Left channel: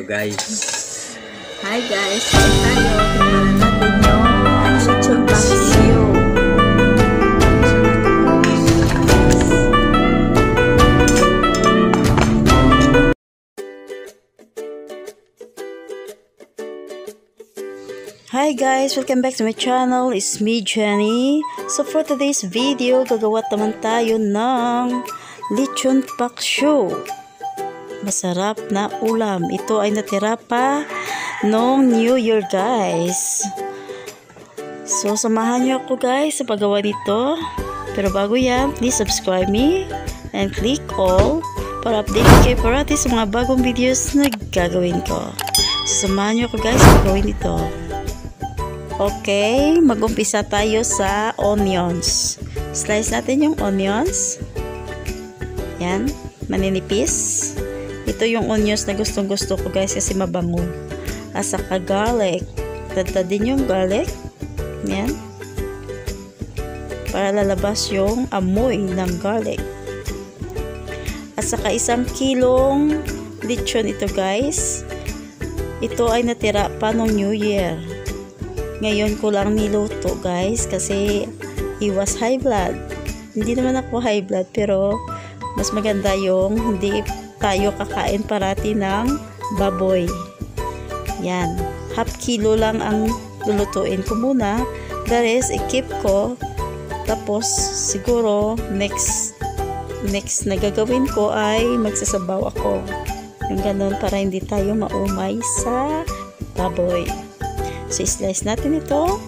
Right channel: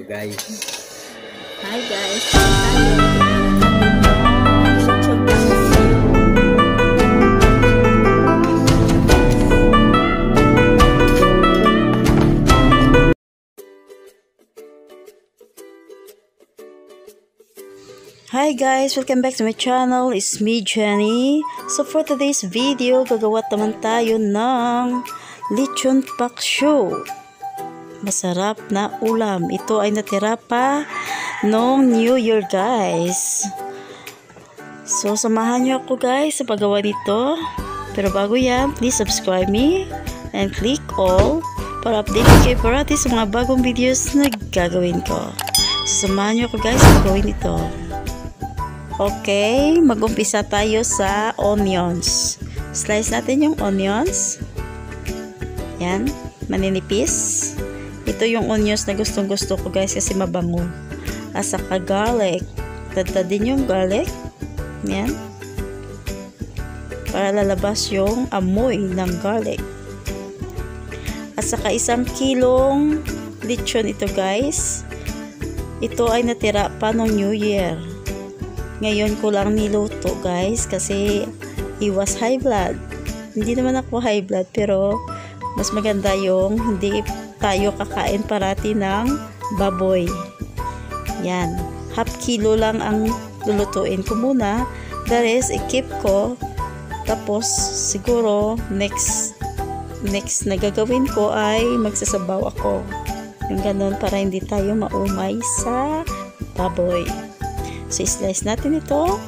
tayo guys. Hi guys, lechon paksiw. Hi guys, welcome back to my channel. It's me, Jenny. So for today's video, gagawa naman tayo ng lechon paksiw. Masarap na ulam. Ito ay natira pa noong New Year guys. So samahan niyo ako guys sa paggawa nito. Pero bago yan, please subscribe me and click all para update kayo parati sa mga bagong videos na gagawin ko. So samahan niyo ako guys sa pagawin ito. Okay, mag-umpisa tayo sa onions. Slice natin yung onions. Yan, maninipis. Ito yung onions na gustong-gusto ko guys kasi mabango. At saka garlic. Tadtadin yung garlic. Yan. Para lalabas yung amoy ng garlic. At saka 1 kilong lechon ito guys. Ito ay natira pa noong New Year. Ngayon ko lang niluto guys kasi iwas high blood. Hindi naman ako high blood pero mas maganda yung hindi tayo kakain parati ng baboy. Yan. 1/2 kilo lang ang lulutuin ko muna. The rest, i-keep ko. Tapos siguro next na gagawin ko ay magsasabaw ako. Yung ganun para hindi tayo maumay sa baboy. So, slice natin ito.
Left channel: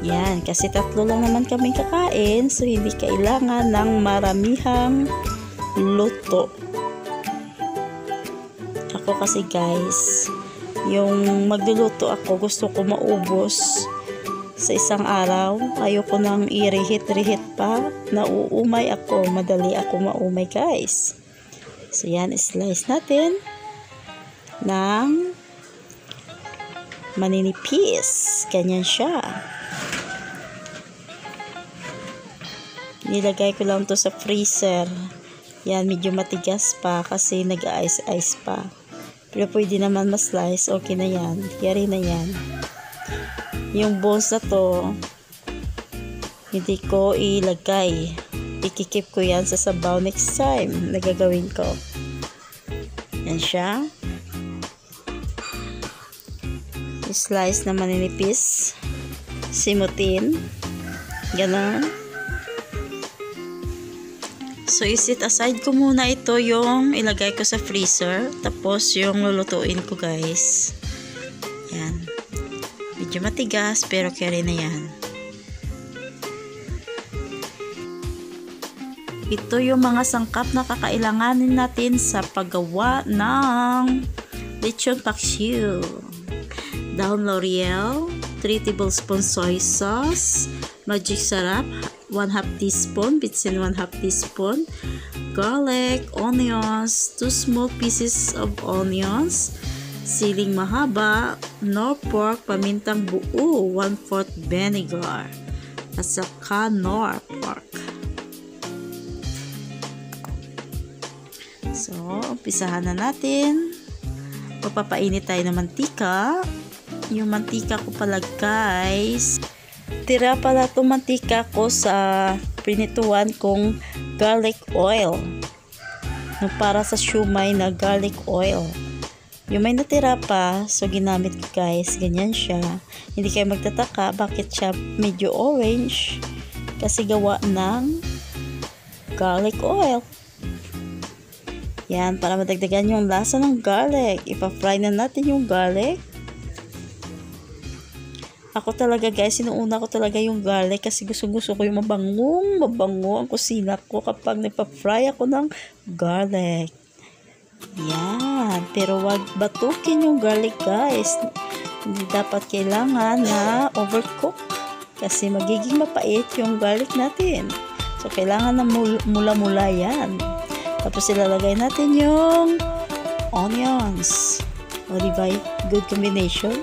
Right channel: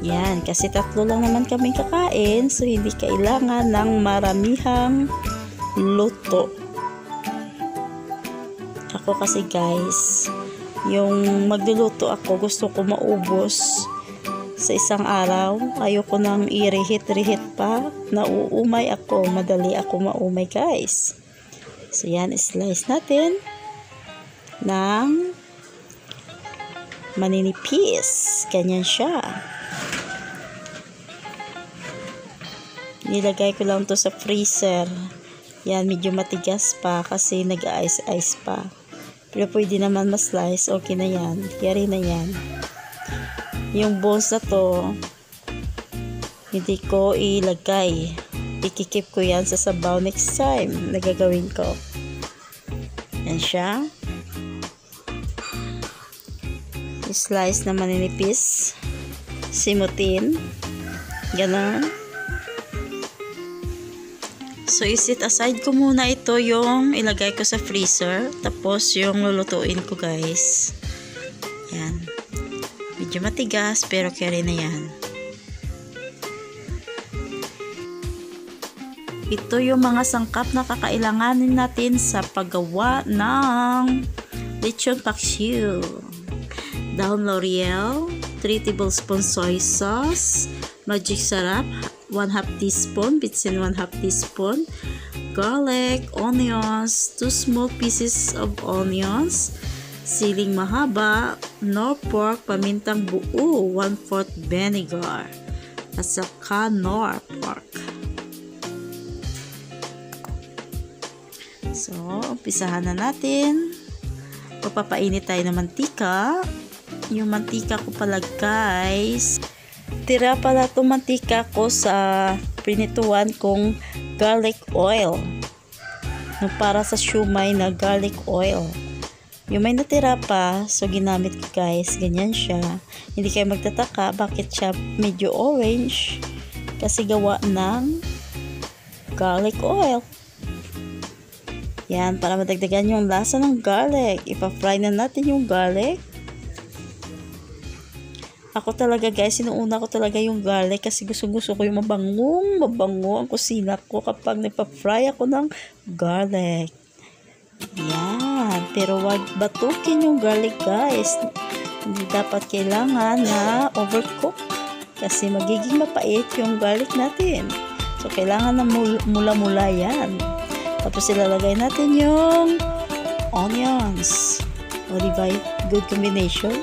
Yan. Kasi 3 lang naman kaming kakain. So, hindi kailangan ng maramihang luto. Ako kasi guys, yung magluluto ako, gusto ko maubos sa isang araw. Ayoko nang i-reheat pa. Nauumay ako. Madali ako maumay guys. So, yan. Slice natin ng maninipis. Ganyan siya. Nilagay ko lang to sa freezer. Yan, medyo matigas pa kasi nag-ice pa. Pero pwede naman ma-slice. Okay na yan. Yari na yan. Yung bones na to, hindi ko ilagay. Ikikip ko yan sa sabaw next time na gagawin ko. Yan siya. Slice na maninipis, simutin, gano'n. So isit aside ko muna ito yung ilagay ko sa freezer, tapos yung lulutuin ko guys. Yan, medyo matigas pero carry na yan. Ito yung mga sangkap na kakailanganin natin sa paggawa ng lechon paksiw. Dahon L'Oreal, 3 tablespoons soy sauce, magic sarap, 1/2 teaspoon, bitsin 1/2 teaspoon, garlic, onions, 2 small pieces of onions, siling mahaba, nor pork, pamintang buo, 1/4 vinegar, at saka nor pork. So, umpisahan na natin. Papapainit tayo ng mantika. Yung mantika ko pala guys, tira pala itong mantika ko sa prinituan kong garlic oil, no, para sa shumai na garlic oil. Yung may natira pa, so ginamit ko guys. Ganyan siya. Hindi kayo magtataka bakit siya medyo orange, kasi gawa ng garlic oil. Yan, para madagdagan yung lasa ng garlic. Ipa-fry na natin yung garlic. Ako talaga guys, sinuuna ko talaga yung garlic kasi gusto ko yung mabango ang kusina ko kapag nagpa-fry ako ng garlic. Yan, pero wag batukin yung garlic guys. Hindi dapat kailangan na overcook kasi magiging mapait yung garlic natin. So kailangan na mula-mula yan. Tapos ilalagay natin yung onions. O diba, good combination.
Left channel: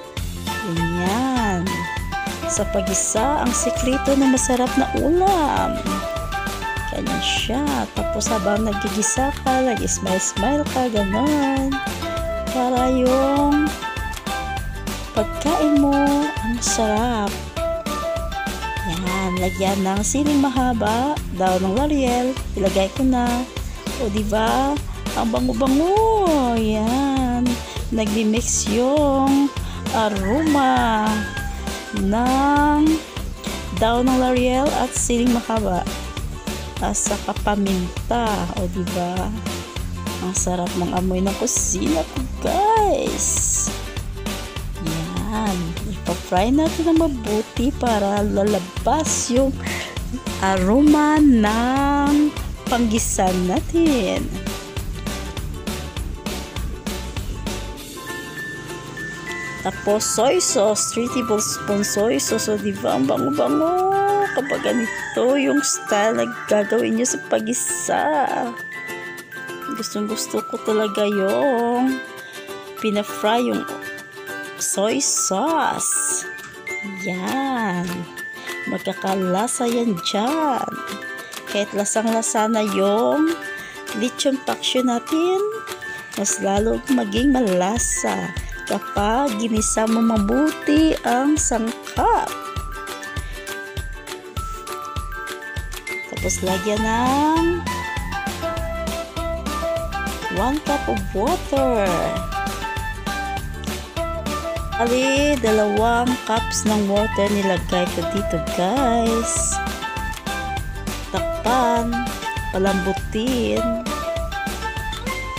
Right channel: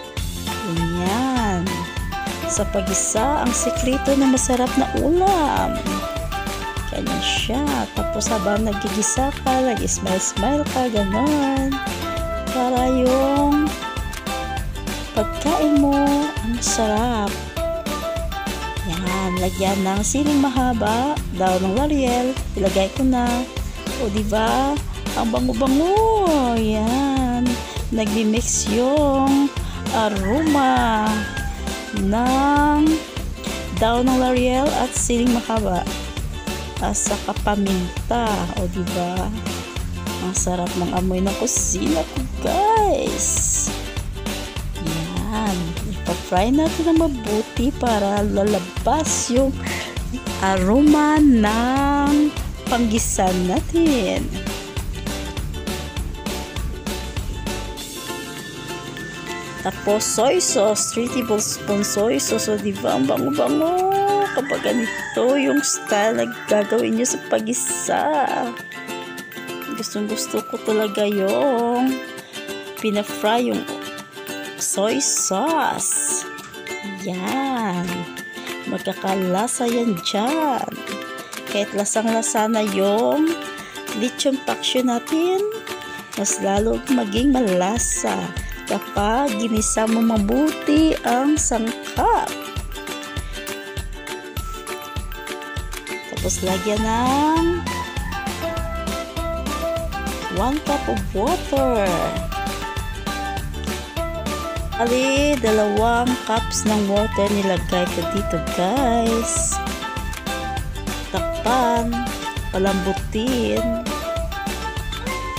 Ganyan. Sa pag-isa, ang sekreto na masarap na ulam. Ganyan siya. Tapos habang nagigisa ka, nag-smile-smile ka, ganon. Para yung pagkain mo, ang sarap. Yan, lagyan ng siling mahaba, daw ng L'Oreal, ilagay ko na. O diba? Ang bango-bango. Yan. Nagmi-mix yung aroma ng daw ng L'Oreal at siling mahaba. At saka paminta. O diba? Ang sarap ng amoy ng kusina ko, guys. Yan. Ipa-fry natin na mabuti para lalabas yung aroma ng panggisan natin. Tapos soy sauce, 3 tablespoon soy sauce. O diba, ang bango-bango kapag ganito yung style na gagawin nyo sa pag-isa. Gustong gusto ko talaga yung pina-fry yung soy sauce. Yan. Magkakalasa yan dyan. Kahit lasang-lasa na yung lechon paksyo natin, mas lalo maging malasa kapag ginisa mo mabuti ang sangkap. Tapos lagyan ng 1 cup of water. Ali, 2 cups ng water nilagay ko dito, guys. Takpan, palambutin.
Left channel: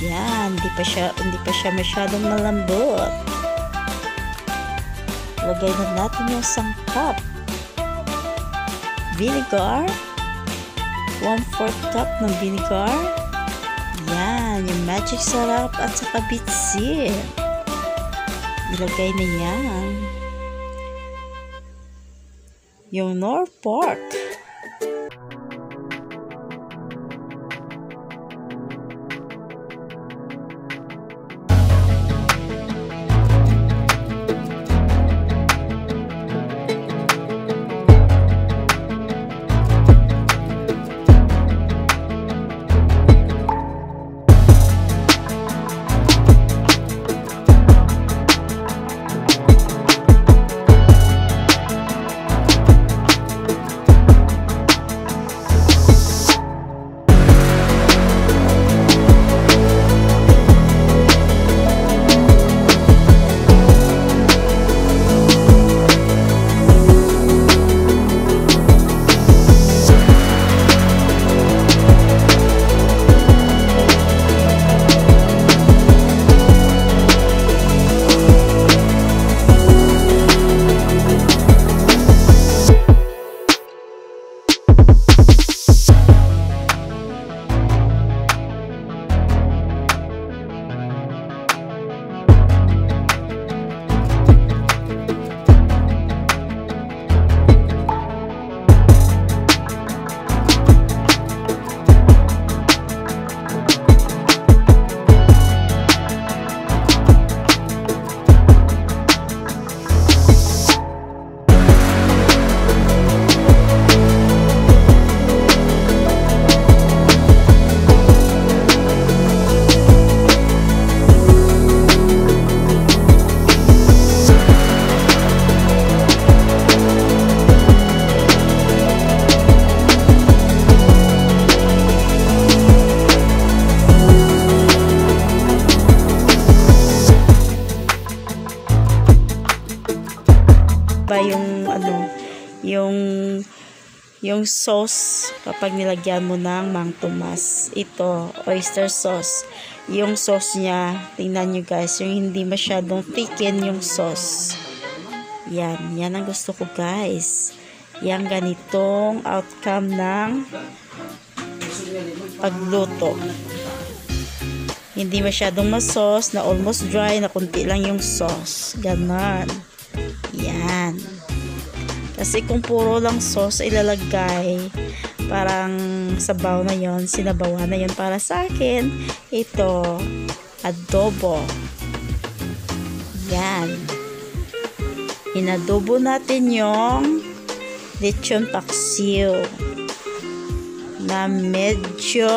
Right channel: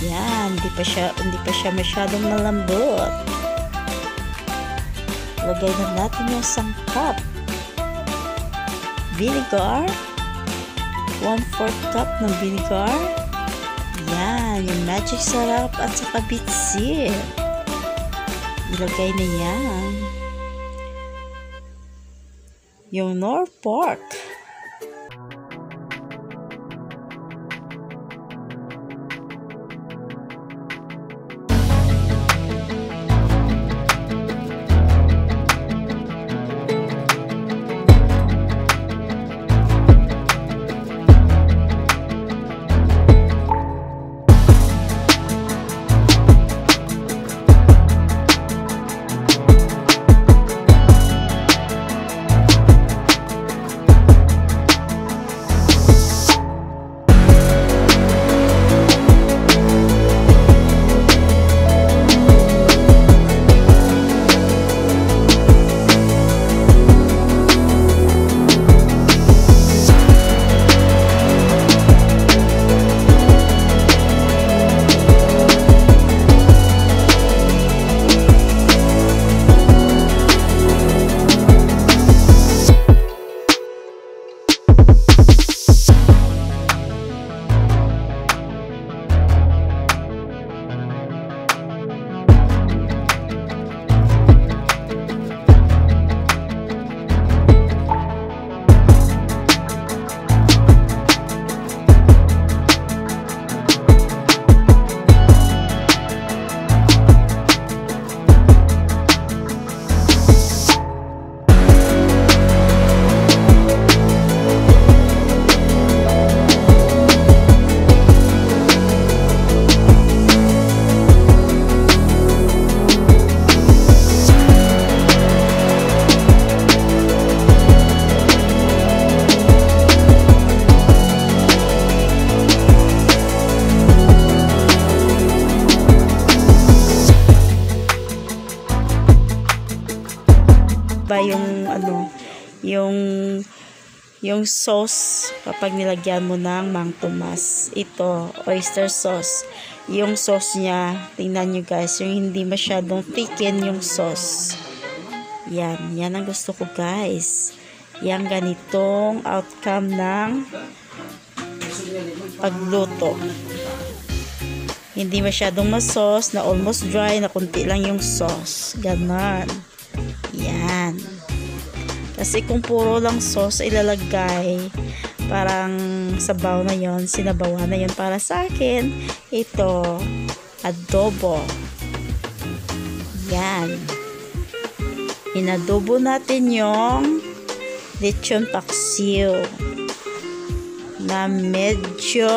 Yan, hindi pa siya masyadong malambot. Lagay na natin yung sangkap. Vinegar, 1/4 cup ng vinegar. Yan, yung magic sarap at saka bitsin. Ilagay na yan. Yung nor pork. Ba yung ano, yung sauce kapag nilagyan mo ng Mang Tomas. Ito, oyster sauce. Yung sauce niya, tingnan nyo guys, yung hindi masyadong thicken yung sauce. Yan ang gusto ko guys. Yang ganitong outcome ng pagluto. Hindi masyadong ma-sauce, na almost dry, na kunti lang yung sauce. Ganon. Yan. Kasi kung puro lang sauce ilalagay, parang sabaw na yon, sinabawan na yon para sa akin. Ito, adobo. Yan. Inadobo natin yung lechon paksiw. na medyo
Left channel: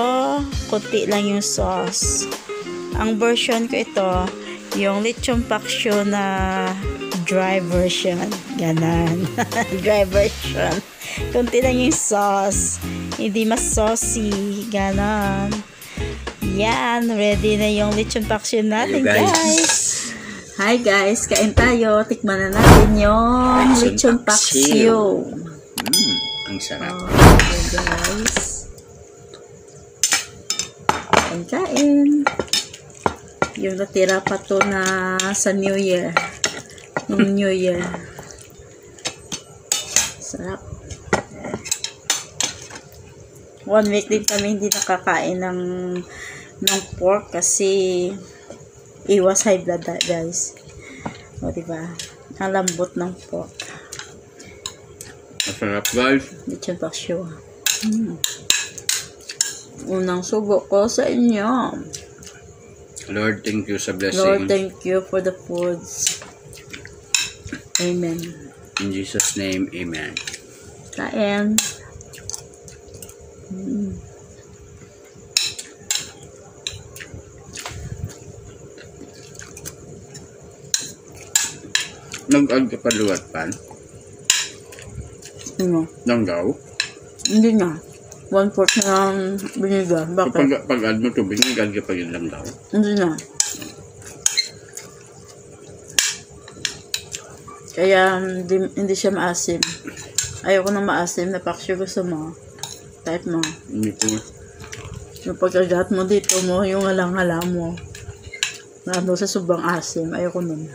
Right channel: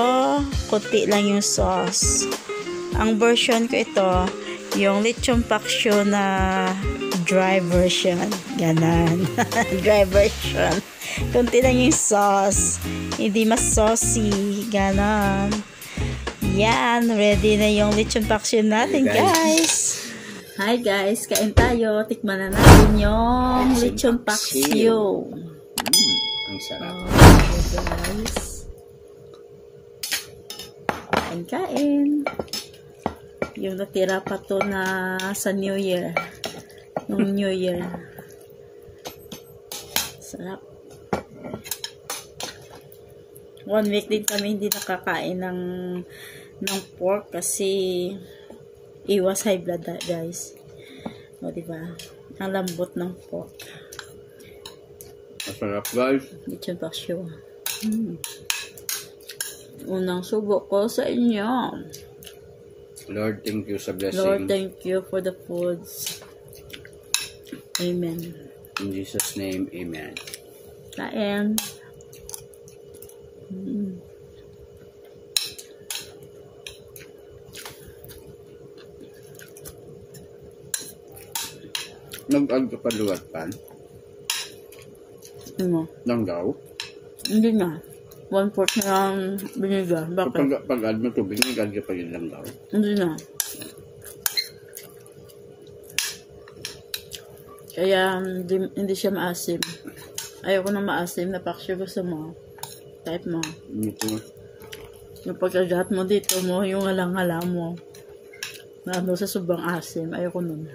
kunti lang yung sauce. Ang version ko ito, yung lechon paksyo na dry version. Ganon. Dry version. Kunti lang yung sauce. Hindi mas saucy. Ganon. Yan. Ready na yung lechon paksyo natin, guys. Hi guys, kain tayo. Tikman na natin yung lechon paksiw. Ang sarap. Guys. Kain. Yung natira pa to na sa New Year. Nung New Year. Sarap. 1 week din kami hindi nakakain ng pork kasi iwas high blood, guys. O, diba? Ang lambot ng pork. Masarap, guys. Lechon paksiw. Unang subo ko sa inyo. Lord, thank you sa blessing. Lord, thank you for the foods. Amen. In Jesus' name, amen. Kain. Nag-add ka pa luwat pan? Ano? Nanggaw? Hindi na. 1/4 na biniga. Bakit? Pag-add mo tubig, nag-add ka pa yun langgaw? Hindi na. Kaya hindi siya maasim. Ayoko ng maasim na paksyo. Gusto mo. Type mo. Hindi po. Yung pagkagat mo dito mo, yung halang-hala mo. Nando sa sobrang asim. Ayoko nun.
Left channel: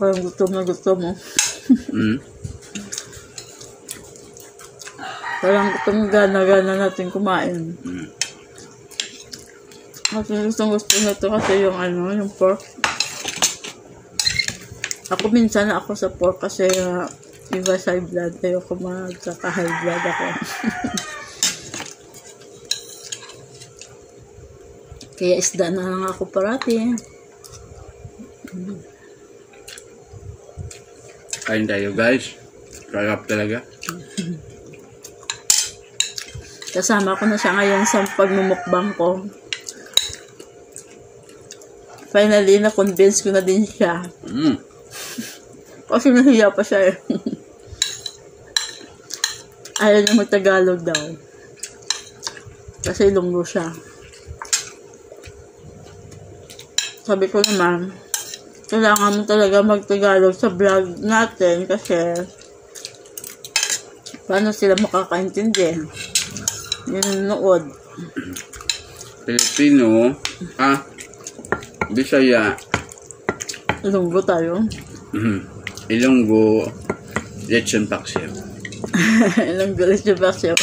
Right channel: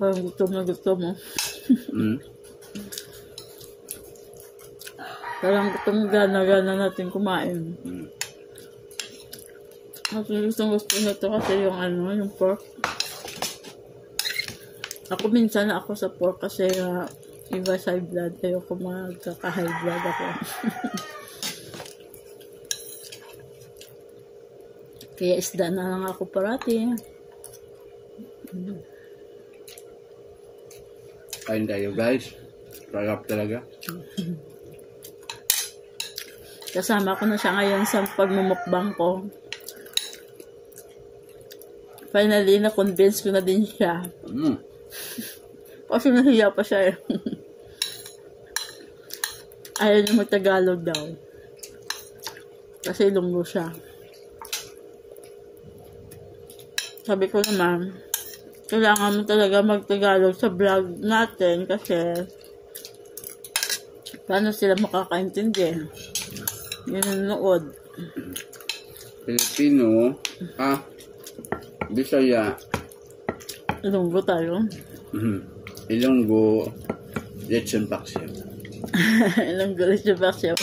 Parang gusto mo. Parang gana-gana natin kumain. Kasi gusto na ito kasi yung pork. Ako minsan ako sa pork kasi iba sa high blood. Ayoko magkaka-high blood ako. Kaya isda na lang ako parati. Kain tayo, guys. Sarap talaga. Kasama ko na siya ngayon sa pagmumukbang ko. Finally, na-convince ko na din siya. Kasi nahiya pa siya eh. Ayaw niya mag-Tagalog daw. Kasi Ilonggo siya. Sabi ko naman, kailangan mo talaga mag-Tagalog sa vlog natin kasi paano sila makakaintindi? Yung nood. Pilipino, Bisaya, Ilonggo tayo. Ilonggo, lechon paksiw. Ilonggo lechon paksiw.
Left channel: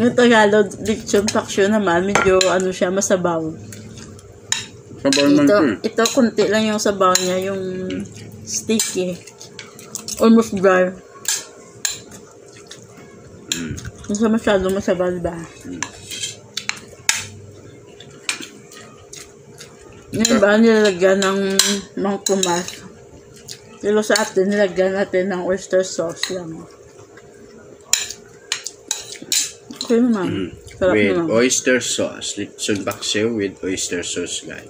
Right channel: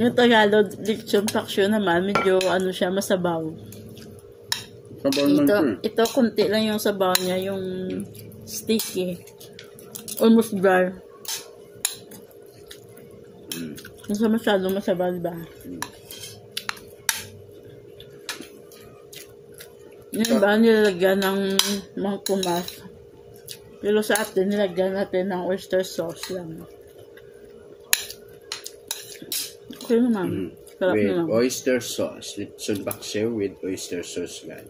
Yung Tagalog lechon paksiw naman, medyo siya, masabaw. Sabaw naman Ito, kunti lang yung sabaw niya, yung sticky. Almost dry. Hindi masyado masabaw, diba? Yung iba nilalagyan ng tomas. Pero sa atin, nilagyan natin ng oyster sauce lang. Okay naman. Sarap with naman. oyster sauce. Lechon paksiw with oyster sauce, guys.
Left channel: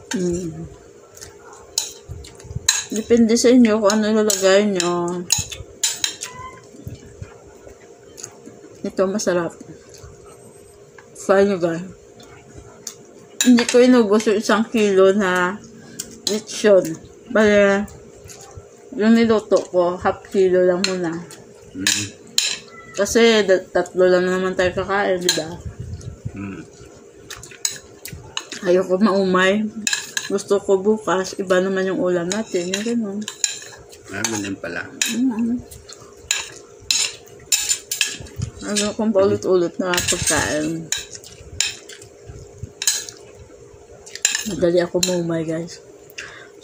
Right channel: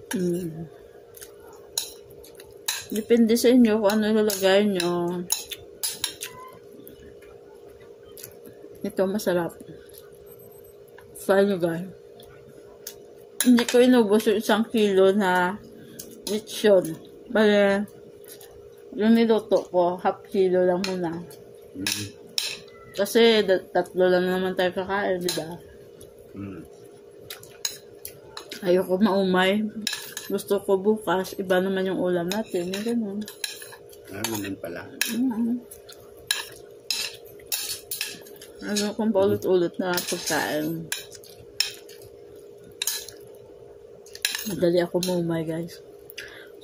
Depende sa inyo kung ano ilalagay nyo. Ito masarap. Try nyo, guys. Hindi ko inubos yung 1 kilo na lechon. Bale, yung niluto ko, half kilo lang muna. Kasi 3 lang naman tayo kakain, diba? Ayoko maumay. Gusto ko bukas, iba naman yung ulam natin. Yung ganun. Ganun pala. Ano kung paulit-ulit na pagkain. Madali ako maumay, guys.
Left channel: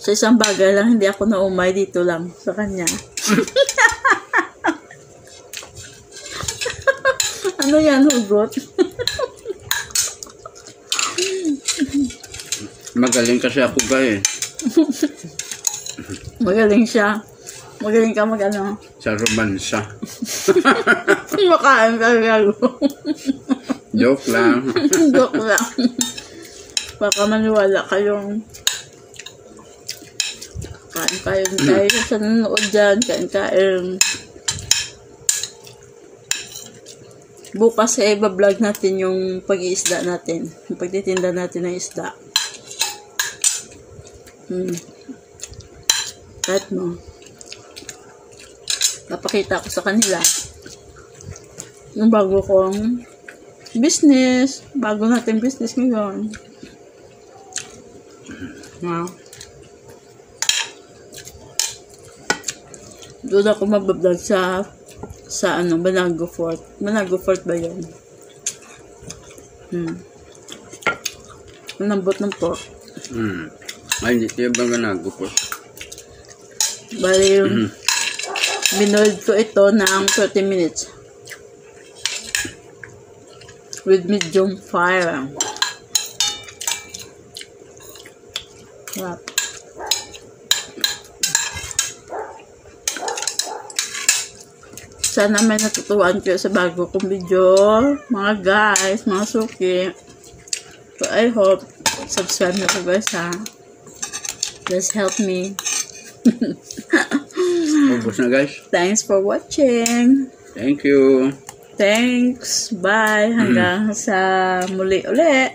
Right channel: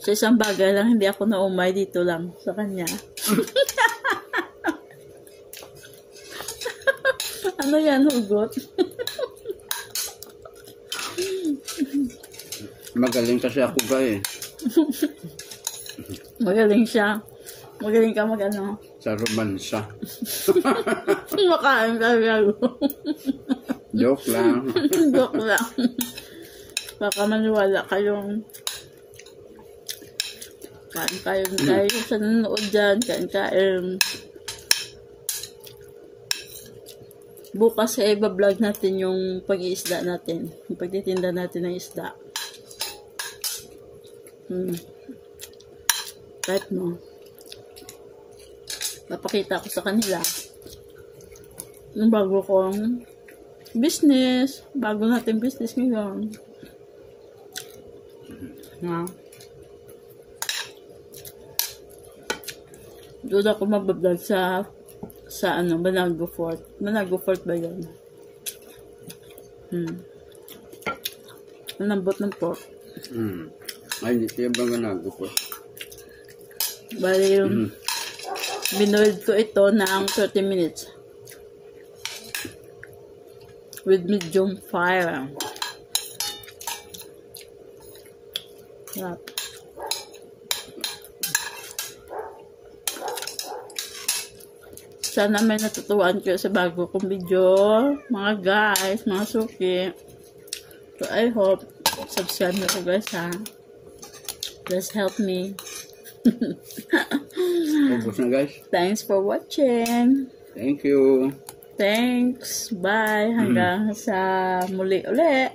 Sa isang bagay lang, hindi ako naumay dito lang sa kanya. Ano yan, hugot? Magaling kasi ako guys. Magaling siya. Magaling ka mag-ano. Sa romansa. Makain ka gago. Joke lang. Joke lang. Baka maniwala kayong kain tayo sa nanonood dyan. Kain. Bukas iba-vlog natin yung pag-iisda natin. Yung pagtitinda natin ng isda. Kahit mo. Napakita ko sa kanila yung bago kong business. Bago natin business ngayon. Wow. Doon ako mabablog sa Banago Fort. Banago Fort ba yun? Malambot ng pork. Ay, hindi siya ba Banago Fort? Bali yung binold ko ito ng 30 minutes. With medium fire. Wow. Sana may natutuwan kayo sa bago kong video, mga guys, mga suki. So I hope subscribe na po guys ha. Just help me. Ubus na guys. Thanks for watching. Thank you. Thanks. Bye. Hanggang sa muli ulit.